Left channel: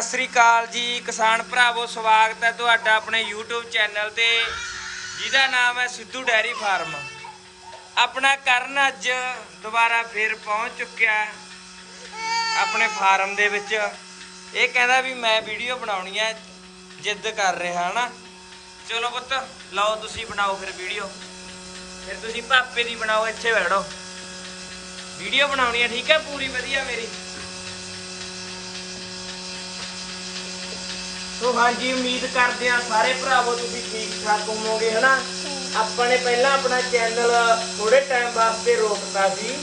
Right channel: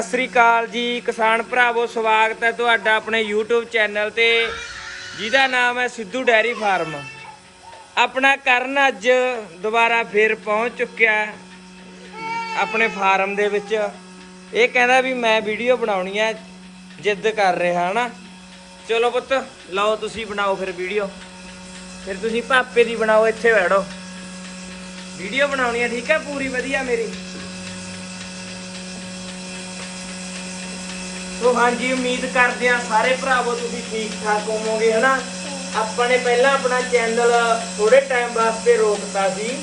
ਸਤਿ ਸ੍ਰੀ ਅਕਾਲ ਜੀ, ਕਿਸਾਨ ਭਰਾਵੋ, ਸਵਾਗਤ ਹੈ ਤੁਹਾਡਾ ਆਪਣੇ YouTube ਚੈਨਲ ਤੇ, ਜਿਹਦਾ ਨਾਮ ਹੈ ਸਿੱਧੂ ਡੈਰੀ ਫਾਰਮ। ਆਪਣਾ ਕਰਨ ਅੱਜ ਦੁਬਾਰਾ ਫੇਰ ਪਹੁੰਚ ਚੁੱਕਿਆ ਆਪਣੇ ਫਾਰਮ ਦੇ ਵਿੱਚ। ਇਹ ਕਹਿੰਦਾ ਵੀ ਮੈਂ ਵੀਡੀਓ ਬਣਾਉਣੀ ਹੈ, ਜਿੱਦ ਕਰ ਰਿਹਾ ਹਨਾ ਚਲੋ ਪੁੱਤ, ਲਓ ਤੁਸੀਂ ਬਣਾਓ ਫਿਰ ਵੀਡੀਓ। ਫਿਰ ਤੁਸੀਂ ਪਾਪੇ ਦੀ ਬਣਾਓ, ਇੱਥੇ ਬੈਠੋ। ਵੀਡੀਓ ਬਣਾਉਣੀ ਹੈ, ਠੀਕ ਹੈ? ਪੂਰੀ ਵਧੀਆ ਮੇਰੀ। ਸੋ ਹਾਂਜੀ ਉਮੀਦ ਕਰਦੇ ਆ ਸਾਰੇ ਭਰਾਵੋ ਤੁਸੀਂ ਠੀਕ ਠਾਕ ਹੋਵੋਗੇ, ਹਨਾ? ਆਪਾਂ ਨੇ ਪਹਿਲਾਂ ਆਪਣਾ ਚੈਨਲ ਥੋੜੇ ਟਾਈਮ ਵਾਸਤੇ ਰੋਕਤਾ ਸੀ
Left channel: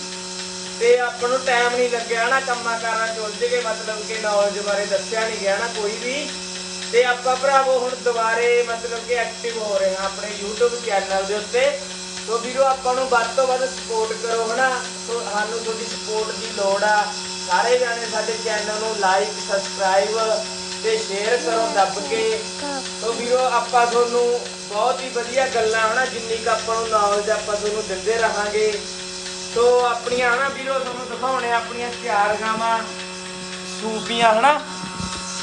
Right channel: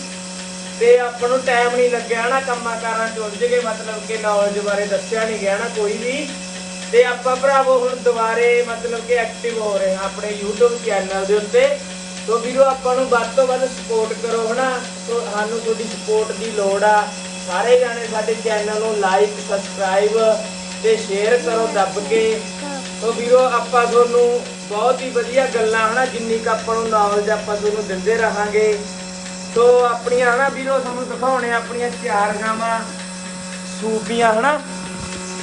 ਤੇ ਆਪਾਂ ਨੂੰ ਟਾਈਮ ਨਹੀਂ ਲੱਗਿਆ ਨਾ ਕੰਮਾਂ ਕਾਰਾਂ ਚ ਉਲਝ ਗਏ, ਮਤਲਬ ਕਿ ਨੌਲੇਜ ਬਾਰੇ ਦੱਸਿਆ ਨਹੀਂ ਗਿਆ ਨਾ ਕੋਈ ਵੀ। ਤੇ ਆਪਾਂ ਭਰਾਵੋ ਹੁਣ ਦੁਬਾਰੇ ਮਤਲਬ ਕਿ ਐਕਟਿਵ ਹੋ ਰਹੇ ਹਾਂ ਆਪਣੇ YouTube ਚੈਨਲ ਦੇ ਉੱਤੇ। ਸੋ ਵੀਰੋ, ਆਪਾਂ ਨੂੰ ਵੱਧ ਤੋਂ ਵੱਧ ਸਪੋਰਟ ਕਰੋ, ਹਨਾ? ਸੋ ਸਾਨੂੰ ਤੁਹਾਡੀ ਸਪੋਰਟ ਦੀ ਲੋੜ ਆ। ਸਾਰੇ ਜਾਣੇ ਸਾਡੇ ਚੈਨਲ ਨੂੰ ਲਾਈਕ ਸਬਸਕ੍ਰਾਈਬ ਤੇ ਸ਼ੇਅਰ ਕਰੋ ਦੱਬ ਕੇ ਸੋ ਵੀਰੋ ਆਪਾਂ ਤੁਹਾਨੂੰ ਬਹੁਤ ਹੀ ਵਧੀਆ ਗੱਲਾਂ, ਹਨਾ, ਜਿੰਨੀ ਕੁ ਆਪਾਂ ਨੂੰ ਨੌਲੇਜ ਆਪਾਂ ਤੁਹਾਨੂੰ ਦਿੰਦੇ ਰਹਾਂਗੇ। ਸੋ ਆਪਣੀਆਂ, ਹਨਾ, ਵੀਰੋ, ਤੁਹਾਨੂੰ ਦਿਖਾਉਣੇ ਆਪਣੀਆਂ ਚਾਰ ਗਾਵਾਂ ਸੂਪੀਆਂ ਹਨਾ।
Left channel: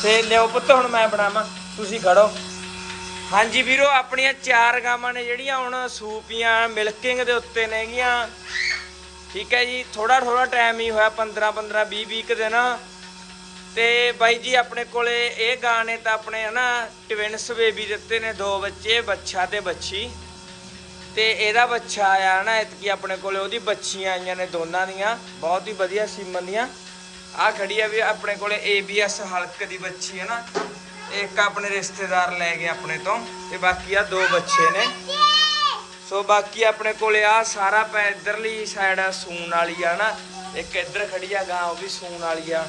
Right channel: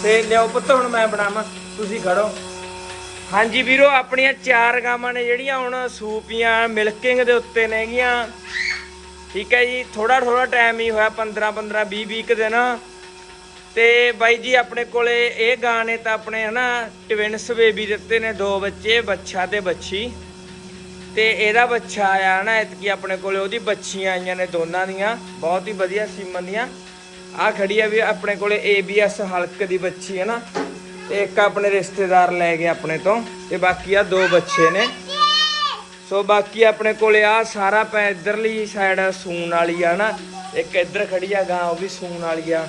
ਤੇ ਲਿਓ ਪੁੱਤ, ਹੁਣ ਮੈਂ ਬਣਾਵਾਂ। ਤੁਸੀਂ ਖੜੋ। ਹਾਂਜੀ, ਵੀਰੋ, ਆਪਣੀਆਂ ਚਾਰ ਗਾਵਾਂ ਨੇ ਜਿਹੜੀਆਂ ਹੁਣ ਸੂਪੀਆਂ ਮਿਲਕਿੰਗ ਦੇ ਉੱਤੇ ਨੇਗੀਆਂ। ਠੀਕ ਹੈ ਜੀ ਥੋੜਾ ਥੋੜਾ ਟਾਈਮ ਹੀ ਹੋਇਆ 15 15 20 20 ਦਿਨ। ਤੇ ਬਾਈ ਜੀ ਆਪਣੇ ਕੋਲੇ ਇਹ ਗਾਂ ਨੇ ਤਾਂ ਆਪਣੇ ਹਨਾ ਟਵਿਨਸ ਬੇਬੀ ਦਿੱਤੇ ਨੇ ਦੋ ਬੱਚੇ ਬੱਚਾ ਤੇ ਬੱਚੀ ਤੇ ਇਹਦਾ ਬੱਚਾ ਆਇਆ ਨਾ ਇਤਕੀ ਆਪਣੇ ਕੋਲੇ ਉਹਦੀ ਬੱਚੀਆਂ ਆਈਆਂ ਨੇ ਦੋਨਾਂ ਦੀਆਂ, ਬਹੁਤ ਹੀ ਵਧੀਆ ਸੀਮਨ ਦੀਆਂ। ਆ ਖੜੀ ਆ ਵੀ ਆਪਣੇ ਕੋਲੇ ABS ਹਲਕ ਦੀ ਬੱਚੀ ਹੈ ਨਾ, ਤੇ ਇੱਕ ਆਪਣੇ ਰਿਸ਼ਤੇਦਾਰ ਲੈ ਗਏ ਆਪਣੇ ਤੋਂ, ਤੇ ਬਾਕੀ ਆ ਦੋ ਬੱਚੇ ਨੇ। ਸੋ ਬਾਕੀ ਆਪਣੇ ਕੋਲੇ ਆ ਸਾਰਾ ਪੈ, ਇਧਰਲੀ ਸਾਈਡ ਸੂਣ ਵਾਲੀ ਆ ਨਾ, ਇੱਕ ਇੱਧਰ ਖੜੀ ਆ ਗਾਂ, ਉਹ ਵੀ ਸੂਣ ਵਾਲੀ ਆ।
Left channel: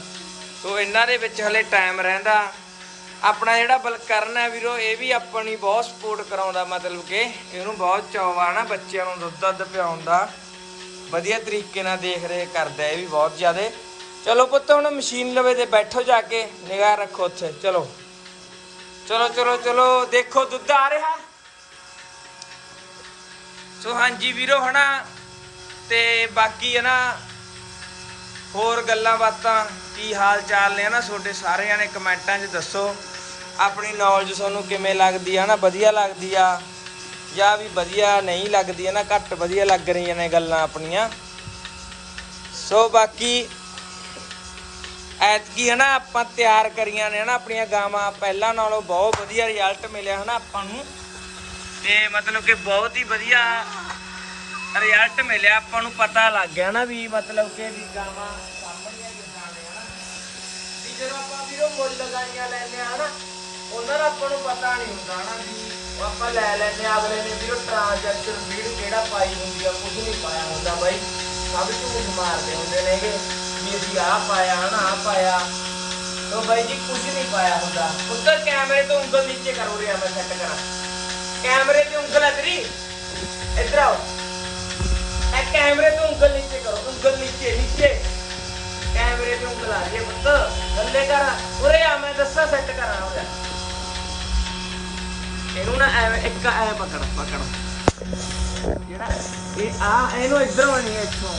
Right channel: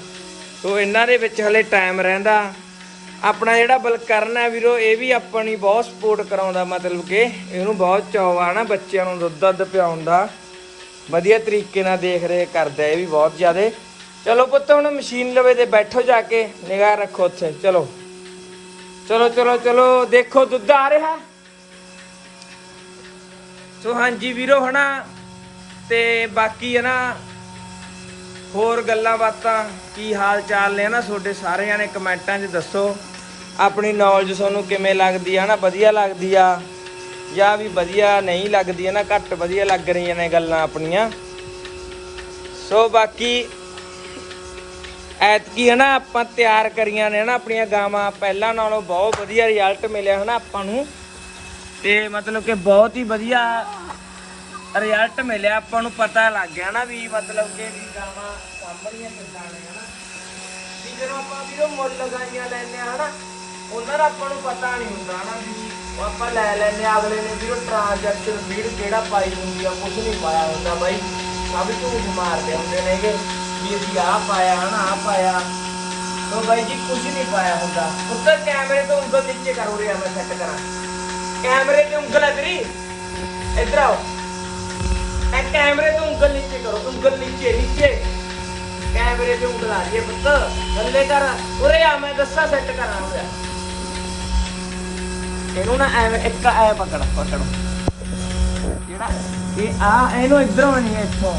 ਸੋ ਇਹਨਾਂ ਦੇ ਵਿੱਚ ਹਲੇ ਟਾਈਮ ਰਹਿੰਦਾ। ਆਪਣਾ ਜਿਹੜਾ ਬਲਕਰਨ ਹੈ ਵੀਰੋ, ਇਹ ਵੀ ਆਪਣੀ ਬਹੁਤ ਸਪੋਰਟ ਕਰਾਉਂਦਾ, ਮਤਲਬ ਕਿ ਇਹਨੂੰ ਬਹੁਤ ਚਾਅ ਆ ਨਾ ਬੱਚਿਆਂ ਨੂੰ ਦੁੱਧ ਦੱਧ ਪਿਆਉਣ ਦਾ। ਵਧੀਆ ਤਰੀਕੇ ਨਾਲ ਦੇਖ ਰੇਖ ਕਰਦਾ ਇਹ ਵੀ ਬਹੁਤ ਜ਼ਿਆਦਾ। ਚਲੋ ਪੁੱਤ, ਹੁਣ ਮਸ਼ੀਨ ਲਵੇ ਤੇ ਬੈਠੋ ਜਾ ਕੇ, ਨਿਗਾਹ ਰੱਖੋ ਉੱਥੇ, ਚਲੋ। ਚਲੋ ਚਲੋ ਚਲੋ, ਦੇਖੋ ਦੁੱਧ ਆ ਰਿਹਾ। ਸੋ ਹਾਂਜੀ ਵੀਰੋ, ਹਨਾ, ਤੇ ਬਾਕੀ ਹੈ ਨਾ ਹੋਰ ਗੱਲਾਂ ਬਾਤਾਂ, ਕੀ ਹਾਲ ਚਾਲ ਨੇ ਨਾ ਤੁਹਾਡੇ ਸਾਰਿਆਂ ਨੇ ਕਮੈਂਟਾਂ 'ਚ ਦੱਸੋ। ਆਪਣੀ ਨੌਲੇਜ ਤੁਹਾਨੂੰ ਕਿਵੇਂ ਲੱਗਦੀ ਆ ਨਾ, ਵਧੀਆ ਲੱਗਦੀ ਆ? ਜਾਂ ਵੀ ਵਧੀਆ ਨਹੀਂ ਲੱਗਦੀ ਆ ਨਾ, ਘੱਟ ਵਧੀਆ ਲੱਗ ਰਹੀਆਂ ਨੇ ਗੱਲਾਂ ਆਪਣੀਆਂ। ਸੋ ਬਾਕੀ ਐਤਕੀ ਹੈ ਨਾ, ਆਪਾਂ ਤਿਆਰ ਕਰੀਆਂ ਨੇ ਨਾ ਆਪਣੀਆਂ ਗਾਵਾਂ। ਪਹਿਲਾਂ ਨਾਲੋਂ ਬਹੁਤ ਵਧੀਆ ਰਿਜ਼ਲਟ ਮਿਲਿਆ ਹੈ ਨਾ ਆਪਾਂ ਨੂੰ। ਤੇ ਮਤਲਬ ਕਿ ਬਹੁਤ ਹੀ ਵਧੀਆ ਰਿਜ਼ਲਟ ਮਿਲਿਆ, ਆਪਾਂ ਨੂੰ ਪਤਾ ਲੱਗ ਗਿਆ ਨਾ ਵੀ ਮਤਲਬ ਕਿ ਵੀ ਗਾਵਾਂ ਸਾਂਭਣੀਆਂ ਕਿੱਦਾਂ ਨੇ, ਹਨਾ? ਵੀ ਜਦੋਂ ਆਪਾਂ ਵੀਰੋ ਮੁੱਲ ਲਗਾਈਆਂ ਲੈਂਦੇ ਆ ਹਨਾ? ਉਹਨਾਂ ਦਾ ਆਪਾਂ ਨੂੰ ਪਤਾ ਨਹੀਂ ਹੁੰਦਾ, ਹਨਾ, ਵੀ ਉਹ ਆਪਾਂ ਲੈ ਲੈਂਦੇ ਆ ਅਗਲੇ ਨੇ ਵੀਰੋ ਟ੍ਰਾਂਜੈਕਸ਼ਨ ਫੀਡ ਕਿਹੜਾ ਪਾਈ ਹੁੰਦੀ ਆ ਕੁਝ ਨਹੀਂ ਪਾਇਆ ਹੁੰਦਾ ਬਾਈ। ਸਭ ਝੂਠ ਮਾਰਦੇ ਹੁੰਦੇ ਨੇਗੇ, ਵੀ ਅਸੀਂ ਆਹ ਪਾਇਆ, ਹਨਾ, ਆਹ ਪਾਇਆ। ਤੋ ਬਾਈ ਜੀ ਕੁਝ ਨਹੀਂ ਪਾਇਆ ਹੁੰਦਾ। ਉੱਤਰ ਕੈਮਰੇ ਤੋਂ ਉਂਗਲ ਨੀਚੇ ਕਰੋ, ਰਿਆ, ਮੈਂ ਸੈੱਟ ਕਰਾਂ। ਕੈਮਰੇ ਤੇ ਉਂਗਲ ਹੈ ਇੱਧਰ ਆਓ। ਇਹ ਕੈਮਰੇ ਤੋਂ ਉਂਗਲ ਨੀਚੇ ਕਰੋ, ਉਂਗਲ ਨੀਚੇ ਨੀਚੇ। ਕੈਮਰੇ ਤੇ ਉਂਗਲ ਆ ਰਹੀ ਹੈ ਪੁੱਤ, ਥੱਲੇ ਉਰੇ ਆ, ਮੈਂ ਦੱਸਾਂ ਸੈੱਟ ਕਰਾਂ ਉਰੇ। ਇਹਨੂੰ ਨਾ ਐਵੇਂ, ਇੱਕ ਐ ਪਕੜ ਪਕੜ। ਜਿਹੜਾ ਇਹ ਆ, ਇਹਨੂੰ ਇਧਰੋਂ ਨਹੀਂ ਇੱਥੋਂ।